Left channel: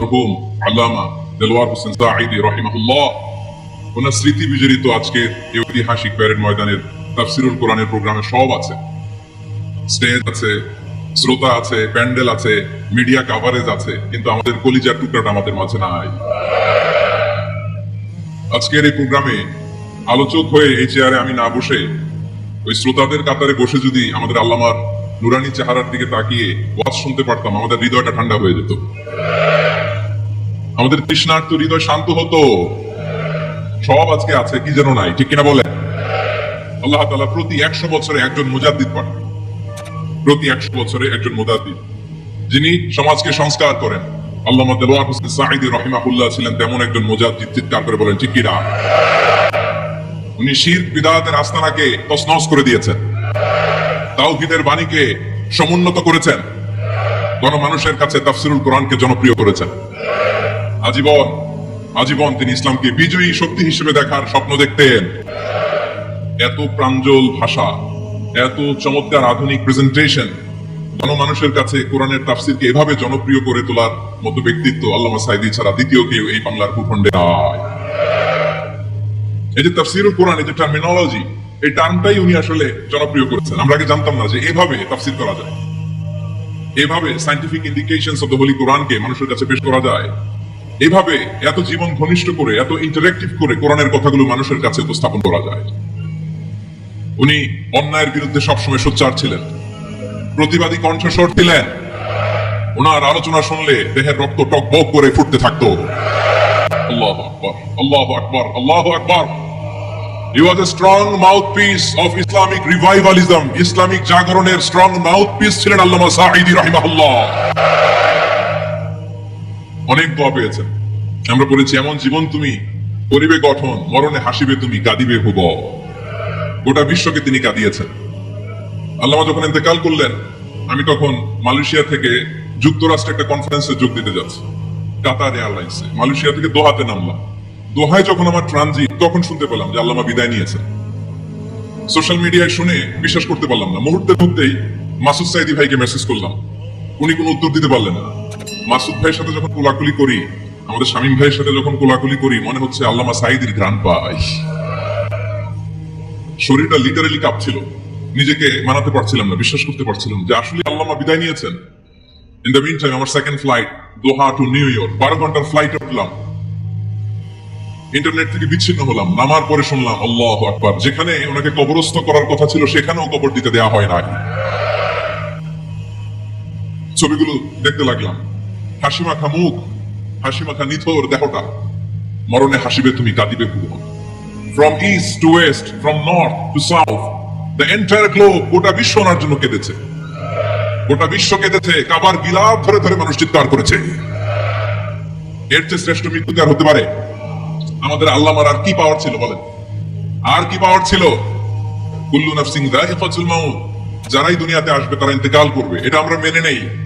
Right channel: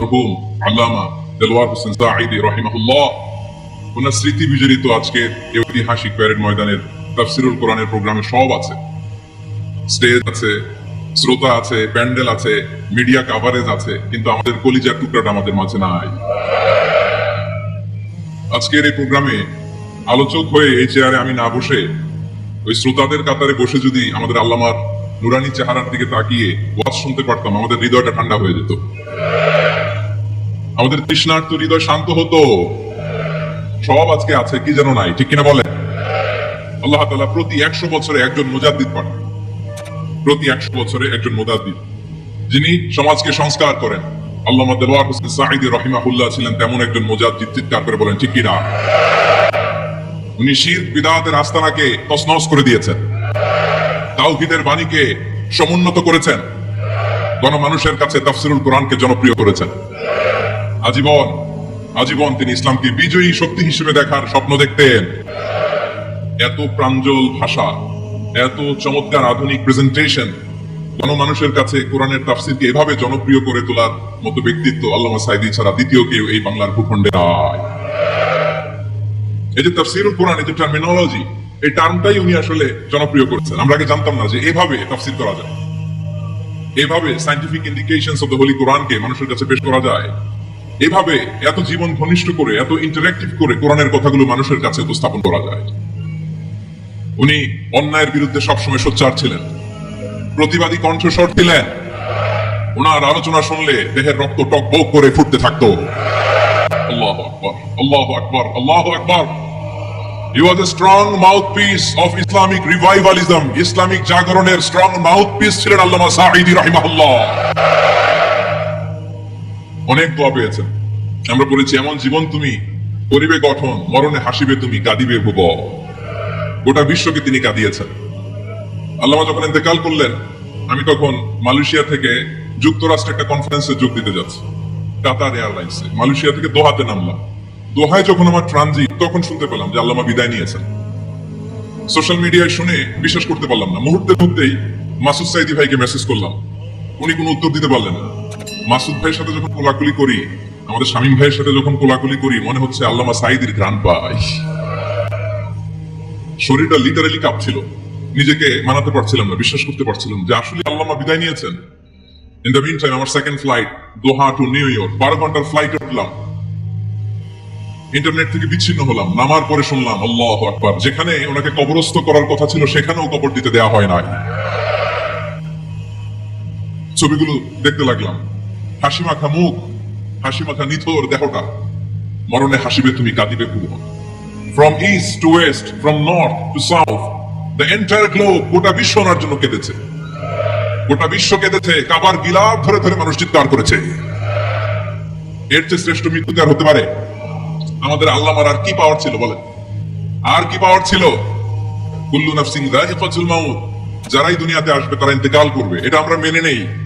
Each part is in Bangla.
মরহুম আল্লামা দেলোয়ার হোসেন সাঈদি রহিমাহুল্লাহ। ওনার স্মৃতি বিজড়িত আজকের ঐতিহাসিক প্যারেড ময়দানের তাফসিরুল কোরআনের প্রোগ্রামে সব আছে। স্টেজ আছে, শ্রোতা আছে, প্যান্ডেল আছে, মিডিয়া কাভারেজ আছে, কিন্তু আমাদের কলিজার টুকরাটা আমাদের মাঝে নাই। আজকের এই প্রোগ্রামে আলোচক হয়ে এই চেয়ারে আমি না বসে, ওই শ্রোতাদের কাতারে বসে যদি আমাদের আল্লামার নুরানি চেহারার দিকে তাকিয়ে ওয়াজ শুনতে পারতাম, আমাদের হৃদয়টা ঠান্ডা হয়ে যেত। আমাদের তৃষ্ণার্ত হৃদয় শান্ত হতো। সব আজকে আছে, কি যেন নাই, ঠিক কিনা বলেন? আল্লাহ তালা প্রতি একশো বছরে একজন মুজাদ্দিদ পাঠান। প্রতি একশো বছরে একজন মুজাদ্দিদ। যিনি সমাজকে সংস্কার করেন। আল্লাহ হোসেন সাঈদি রহিমাহুল্লাহ ছিলেন তেমন একজন মুজাদ্দিদ, চিৎকার করে বলেন, ঠিক কিনা? উনি শির বিদাতের আস্তানাকে তসনস করে দিয়েছেন। তাওহিদের বাণীকে সমুন্নত করেছেন। গণমানুষের কাছে তাফসিরুল কোরআনকে জনপ্রিয় করেছেন। আজীবন আজীবন তিনি ইসলামকে বিজয়ী শক্তি হিসেবে দেখার স্বপ্ন দেখতেন। এত প্রাঞ্জল ভাষা, এত চমৎকার আধুনিক প্রেজেন্টেশন গণমানুষের কাছে কোরআনের তাফসিরকে এভাবে জনপ্রিয় করে তোলার মতো ব্যক্তিত্ব আল্লামা সাইদি ছাড়া দ্বিতীয় কেউ এই বাংলার ভূখণ্ডে এই যে তাফসিরুল কোরআন এই যে টার্মিনোলজি এই টার্মটাই উনি আসলে জনপ্রিয় করেছেন। আমরা আগে জানতাম না যে এভাবে তাফসির করা যায়। এভাবে scientific indications of the holy কোরআনকে মানুষের কাছে পেশ করা যায়। এভাবে এত জীবন ঘনিষ্ঠ করে, এত ইন্টারেক্টিভ করে কোরআনের কথাগুলো মানুষের কাছে উপস্থাপন করা যায়। উনি অন্যায়ের বিরুদ্ধে সবসময় সোচ্চার ছিলেন। প্রতিবাদী কণ্ঠস্বর ছিলেন ওনার আলোচনা শুনলে দেহের রক্ত টকবক করে ফুটতে থাকতো। আল্লাহ আল্লাহ আল্লাহ ইসলামিক জাগরণের স্ট্রং মাউথপিস ছিলেন আল্লামা সাঈদি রাহিমাহুল্লাহ। অনেক দোয়া পেয়েছেন আমরা বলেছি, এমন জীবন তুমি করিবে গঠন, মরণে হাসিবে তুমি, কাঁদিবে ভুব গোটা বিশ্বকে তিনি কাঁদিয়েছেন। আল্লামা যখন ইন্তেকাল করলেন, আমি তখন মালয়েশিয়া থেকে যুক্তরাষ্ট্রে একটা কনফারেন্সে যোগ দিতে যাচ্ছি। কাতার এয়ারলাইন্সে। মালয়েশিয়া থেকে দোহাতে নামলাম। দোহায় যখন আমার ট্রানজিট, তখন শুনতে পেলাম যে আল্লামা বিদায় নিয়েছেন। সোশ্যাল মিডিয়ায় শুনে বিশ্বাস করতে পারলাম না। মুহূর্তের মধ্যেই মাসুদ সাইদি ভাইকে মেসেজ করলাম। উনি কোনো উত্তর দিতে পারলেন না। মাসুদ ভাইয়ের সাথে যখন কোলাকুলি করি, আমাদের শামীম ভাইয়ের সাথে যখন কোলাকুলি করি, মনে হচ্ছে আল্লামা সাইদির গ্রান পাই। শরীরটা লিটারেলি কাঁপছিল। নিজেকে মানাতে পারছিলাম না, বিশ্বাস করতে পারছিলাম যে আসলে আল্লামা বিদায় নিয়েছেন। ইন দ্য মিন টাইম আমার second flight Doha to New York বারো ঘণ্টার ফ্লাইট উঠলাম। ইন্টারনেট থেকে বিচ্ছিন্ন হলাম, নামার পরে শুনলাম, আল্লাহ আকবার। যেখানে ওনাকে কবরস্থ করার কথা ছিল, সেখানেও কবর দিতে দেওয়া হয় নাই। ছবিগুলো দেখতে লাগলাম। হাসি মাখা মুখ, হাসি মাখা নিথর দেহটা। মরণে হাসিবে তুমি কাঁদিবে পুরো। From east to west from north to south the entire গোটা বিশ্ব ওনার জন্য কেঁদেছে। গোটা বিশ্ব কেঁদেছে, কাবার গিলাপ ধরে ধরে মানুষ চিৎকার করেছে। এর চেয়ে শ্রেষ্ঠ মৃত্যু কি হতে পারে? আমাদের আল্লামার আর কি পাওয়ার ছিল বলেন? আর কি পাওয়ার ছিল? কুল্লু নাফসিং যায়িকাতুল মাউত, যারাই দুনিয়াতে আসবে তারা ইন্তেকাল করবে, এটা আমরা মেনে নেই।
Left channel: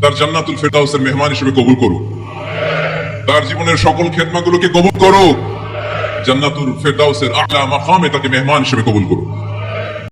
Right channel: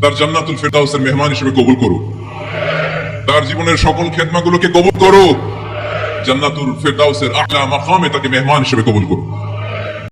তার জান্নাতুল ফেরদাউসের মেহমান হিসেবে কবুল করো তার জীবনের সকল খেদমাগুলোকে কবুল করো জান্নাতুল ফেরদাউসের আলা মাকামে তাকে মেহমান হিসেবে কবুল করুক।